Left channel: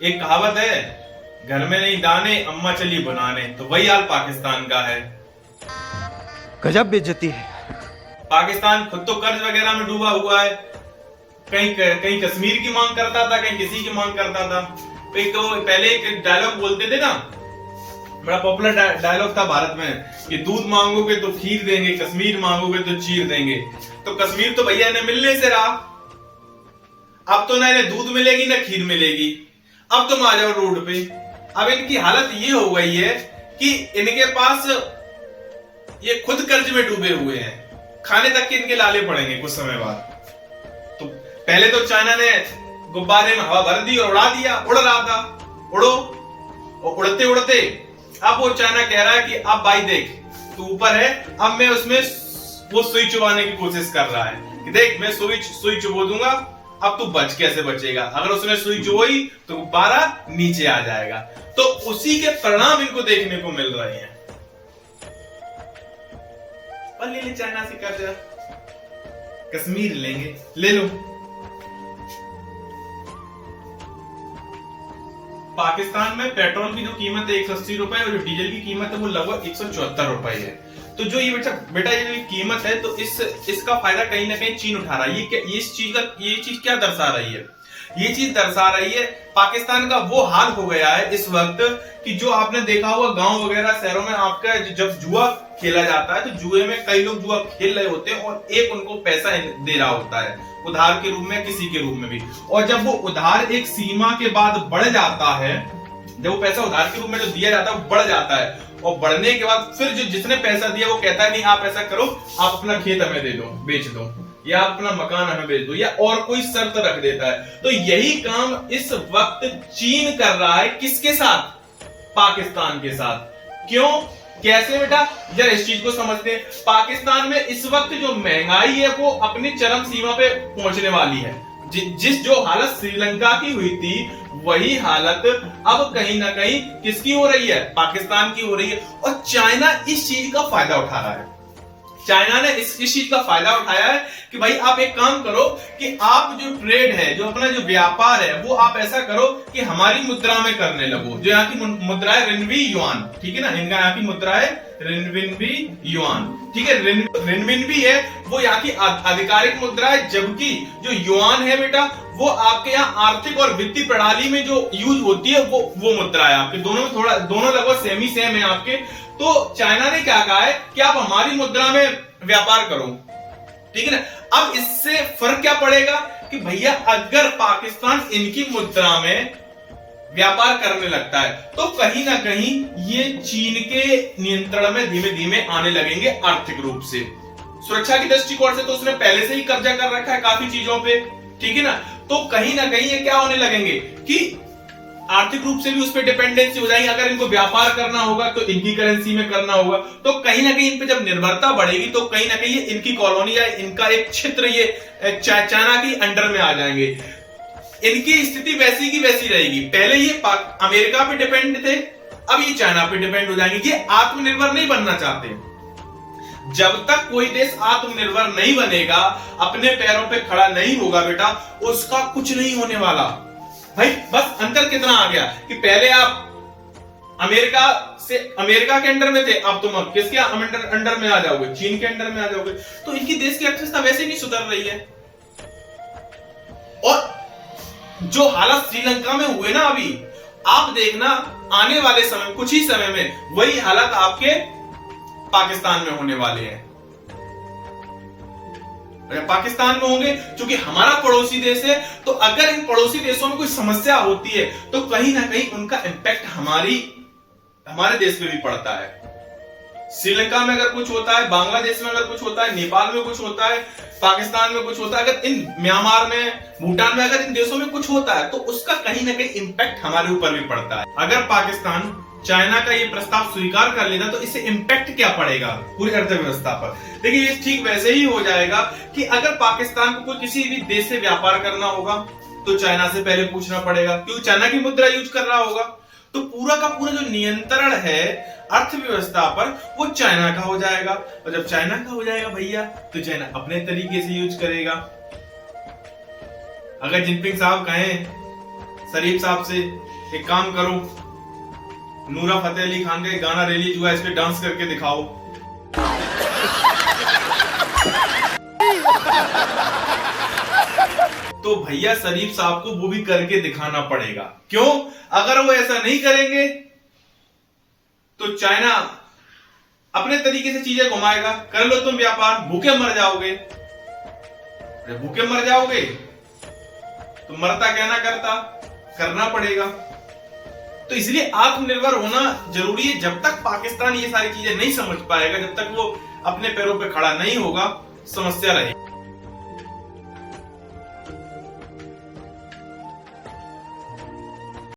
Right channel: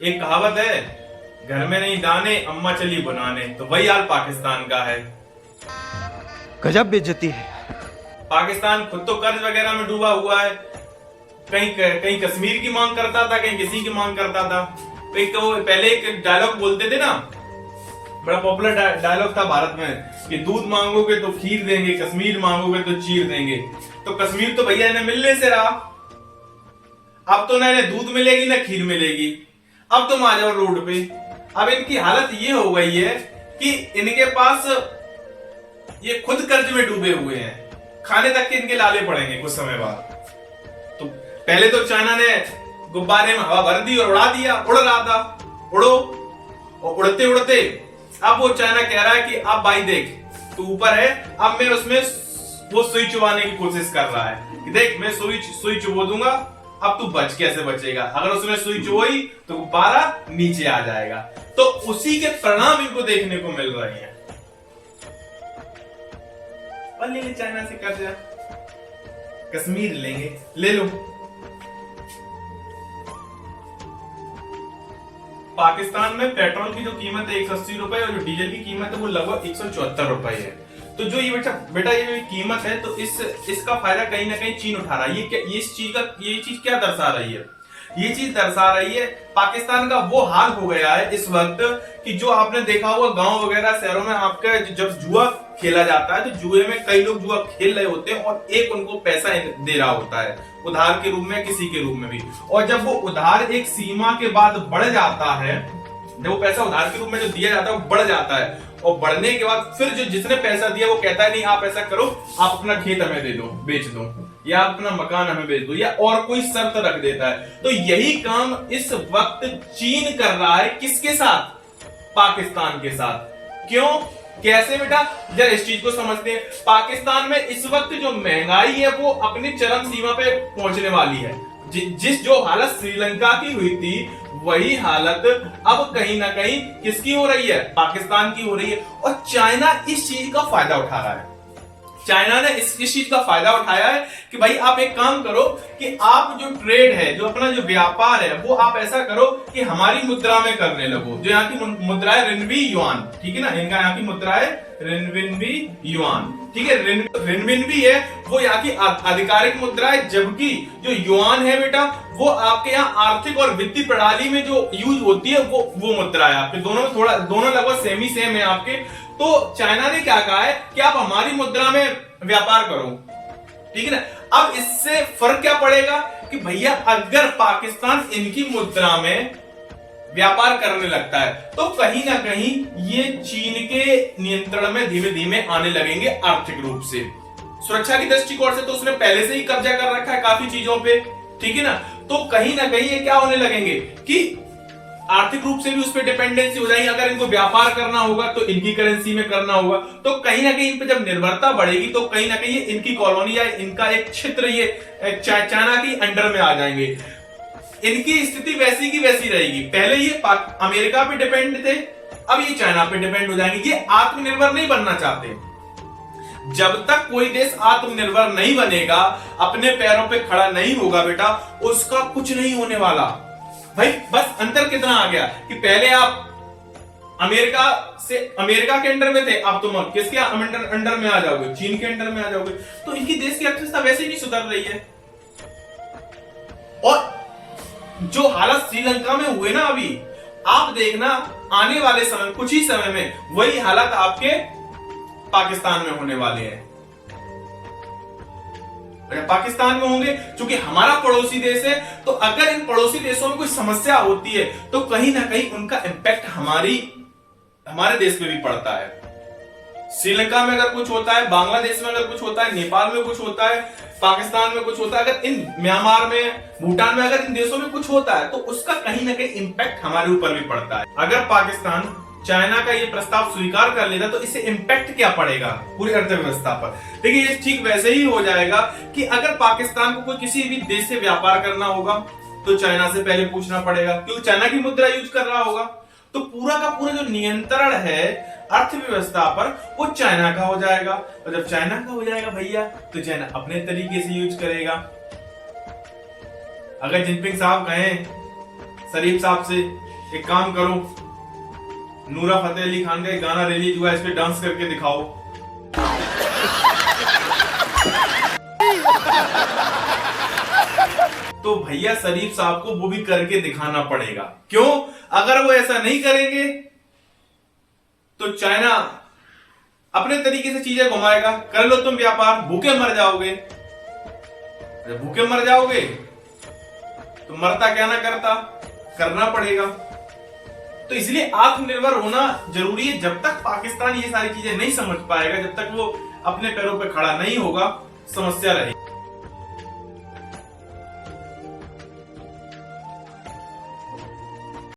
एक कहावत है, घर में नहीं दाने अम्मा चली बनाने। तो वही हाल पाकिस्तान का है। गजब बेइज्जती है। पाकिस्तान खुद तो कर्ज वगैरह में डूबा हुआ है। कहीं कहीं कश्मीर की मांग करता था, कहीं किसी की मांग करता था। कहीं तो पहले एक डायलॉग बोलते थे ना, बड़ा पॉपुलर डायलॉग था भारत में कि दूध मांगोगे तो खीर देंगे, कश्मीर मांगोगे तो चीर देंगे। तो कश्मीर तो भैया इन्हें मिलने से रहा। अब तो ना इन्हें दूध मिलेगी ना खीर मिलेगी। अब तुम आ जाओ रोड पे। अब इनकी हालत ये हो गई है कि इनके पास ये खुद कर्ज में डूबे हुए हैं। खाने तक के इनके लाले पड़ेंगे कुछ समय बाद। तो पहले तो चाइना ने गुब्बारे में हवा भर दी और उड़ा दिया, उड़ रहा था, उड़ो। और उड़ते उड़ते अब वो चाइना कह रहा है कि अब भाई देख तू ऊपर है, अब मैं उसमें वो सुई चुबाने की कोशिश कर रहा है कि देख मैं सुई चुबो दूंगा, अब तू बच कैसे बचेगा। अगर उसने सुई चुबोई तो गुब्बारा नीचे आ जाएगा। तो उसी के परिणाम इनको देखने को मिल रहे हैं। और ले चाइना से कर्जा, कश्मीर लेंगे, ले लो। पाकिस्तान में पेट्रोल की जो कीमत है 180 रुपए और जो डीजल की कीमत है वो लगभग 174 रुपए है। तो जो ये बेटा ये जो कीमत है तो इसका फायदा कहीं ना कहीं चीन उठा रहा है। ये चीज क्या दर्शा रही है? ये चीज दर्शा रही है पाकिस्तान का वो हाल हो गया है इस वक्त कि जो आपने देखा होगा गांव वगैरह शहरों में आपका जब जुआ खेला जाता है तो जुए में कई लोग जुआ खेल रहे होते हैं और एक उनको पैसा दे रहा होता है उधार के रूप में, किसी के रूप में भी। और जब वो उधार एक सीमा के बाद बढ़ जाता है, जब वो पैसा उधार के रूप में जो दिया जाता है वो बढ़ जाता है और बढ़ने के बाद फिर जो जिसने पैसा दिया वो कहता है नहीं आप ऐसा करो, आप अपना खेत हमें दे दो, बेच दो, या अपना मकान हमें बेच दो, या और कोई शर्त रख देता है। तो यही काम इस वक्त चीन कर रहा है। किसके साथ? पाकिस्तान के साथ। क्यों, कैसे बेटा? जरा इस चीज को समझते हैं। पाकिस्तान में इस वक्त जो महंगाई है वो अपनी चरम सीमा पे पहुंचने वाली है। जिस जो हालत श्रीलंका की हुई थी वही हालत अब कहीं ना कहीं किसकी हो रही है? पाकिस्तान की हो रही है। और चाइना इस चीज का फायदा उठा रहा है। चाइना ने इस चीज का फायदा उठाया है कि भाई आप एक काम करो कि आप जो ट्रेड है, जो अपना जो व्यापार है वो आप ऐसा करो कि हमारी मुद्रा में करने लगो। जो यहाँ की मुद्रा है रिन्वी युआन, ठीक है ना, इनका यहाँ की मुद्रा है रिन्वी युआन, ठीक है। रिन्वी है वो यहाँ की आधिकारिक मुद्रा है, जबकि जो युआन है बेटा वो आपके यहाँ आर्थिक और वित्तीय प्रणाली में जो यूज होती है वो मुद्रा है आपके। दोनों लगभग सेमी सेम है आपके। तो चाइना ने क्या कहा है कि आप हमारी मुद्रा में व्यापार करो, ठीक है ना। अब इससे फर्क क्या पड़ेगा कि भैया अगर पाकिस्तान इनकी मुद्रा में व्यापार करने लगता है तो कहीं ना कहीं ये चीन के नियंत्रण में धीमे धीमे आने लगेंगे आर्थिक रूप से। सुरक्षा की दृष्टिकोण से तो उसने पहले से ही कब्जा कर रखा है काफी चीजों पे, ठीक है ना। तो कहीं ना कहीं ये क्या होने लगेंगे कि आर्थिक रूप से भी उस पर डिपेंडेंसी हो जाएगी। अगर इनको व्यापार करना होगा तो इनकी करेंसी में करना होगा। तो कहीं ना कहीं इन पे जब निर्भरता बढ़ेगी तो कहीं ना कहीं इनकी कॉलोनी या इनका एक क्षेत्र ये चाइना की अंडर में आ जाएंगे। इनकी स्थिति वैसी की वैसी रहेगी। पहले ये अमेरिका पे डिपेंड थे, अब ये चाइना पे डिपेंड हो जाएंगे। ये आत्मनिर्भर नहीं बनना चाहते। जब तक कोई देश आत्मनिर्भर नहीं बनेगा, अपने पैरों पे खड़ा नहीं होगा बेटा, उसका कुछ नहीं होने वाला। भाई बस अंतर कितना आ गया कि पहले आप अमेरिका के अंडर में थे, अब तुम किसके अंडर में आ जाओगे? चीन के अंडर में आ जाओगे। तो इनकी देश की अर्थव्यवस्था वैसे नहीं सुधर रही है। और जो हालत श्रीलंका में हुए ना अभी, आप देखना आने वाले समय, कुछ ही समय में वही हालत आपके पाकिस्तान में होने वाले हैं। अगर पाकिस्तान में होंगे, क्योंकि हमारा पड़ोसी देश है, तो अगर इन पड़ोसी देशों में कोई समस्या होती है तो कहीं ना कहीं उनका इंपैक्ट हमारे देश में भी पड़ता है। श्रीलंका में अगर कुछ होता है, बांग्लादेश में अगर कुछ होता है, नेपाल में कुछ होता है, पाकिस्तान में कुछ होता है, अगर इन म्यांमार में, भूटान में, अगर इन देशों में कुछ होता है तो उसका कहीं ना कहीं इंपैक्ट हमारे ऊपर भी पड़ता है। अगर पाकिस्तान चाइना का ये प्रस्ताव स्वीकार कर लेता तो इससे इंपैक्ट क्या पड़ेगा पूरी अर्थव्यवस्था पर? देखिए ये ठीक वैसे ही हो जाएगा कि अगर पाकिस्तान को कोई किसी भी देश से व्यापार करना होगा तो चाइना से पहले पूछना पड़ेगा, क्योंकि चाइना की मुद्रा यूज कर रहा होगा। तो पूरा का पूरा जो नियंत्रण है अर्थव्यवस्था पर वो चाइना का हो जाएगा। और जब चाइना का हो जाएगा भैया तो चाइना अपने तरीके से यूज करेगा। अगर जिनपिंग साहब कहें शरीफ साहब से एक काम करो, नूरा फतेह अली खान का एक गाना रिलीज हुआ है, इस पे डांस करके दिखाओ। तो भैया शरीफ साहब को वो भी करके दिखाना पड़ेगा। क्यों? अगर वो ऐसा नहीं करेंगे तो चाइना अपने तरीके से चीजें घुमाएगा। कर लो तुम व्यापार, भूखे मर जाओगे। जब भूखे मर जाओगे तो मरता क्या ना करता, करना पड़ेगा। तो इसलिए आत्मनिर्भर होना जरूरी है। जब तक पाकिस्तान ये सारी चीजें नहीं समझ पाएगा, जब तक वो अपने पैरों पे खड़ा नहीं होगा, समस्या रहेगी।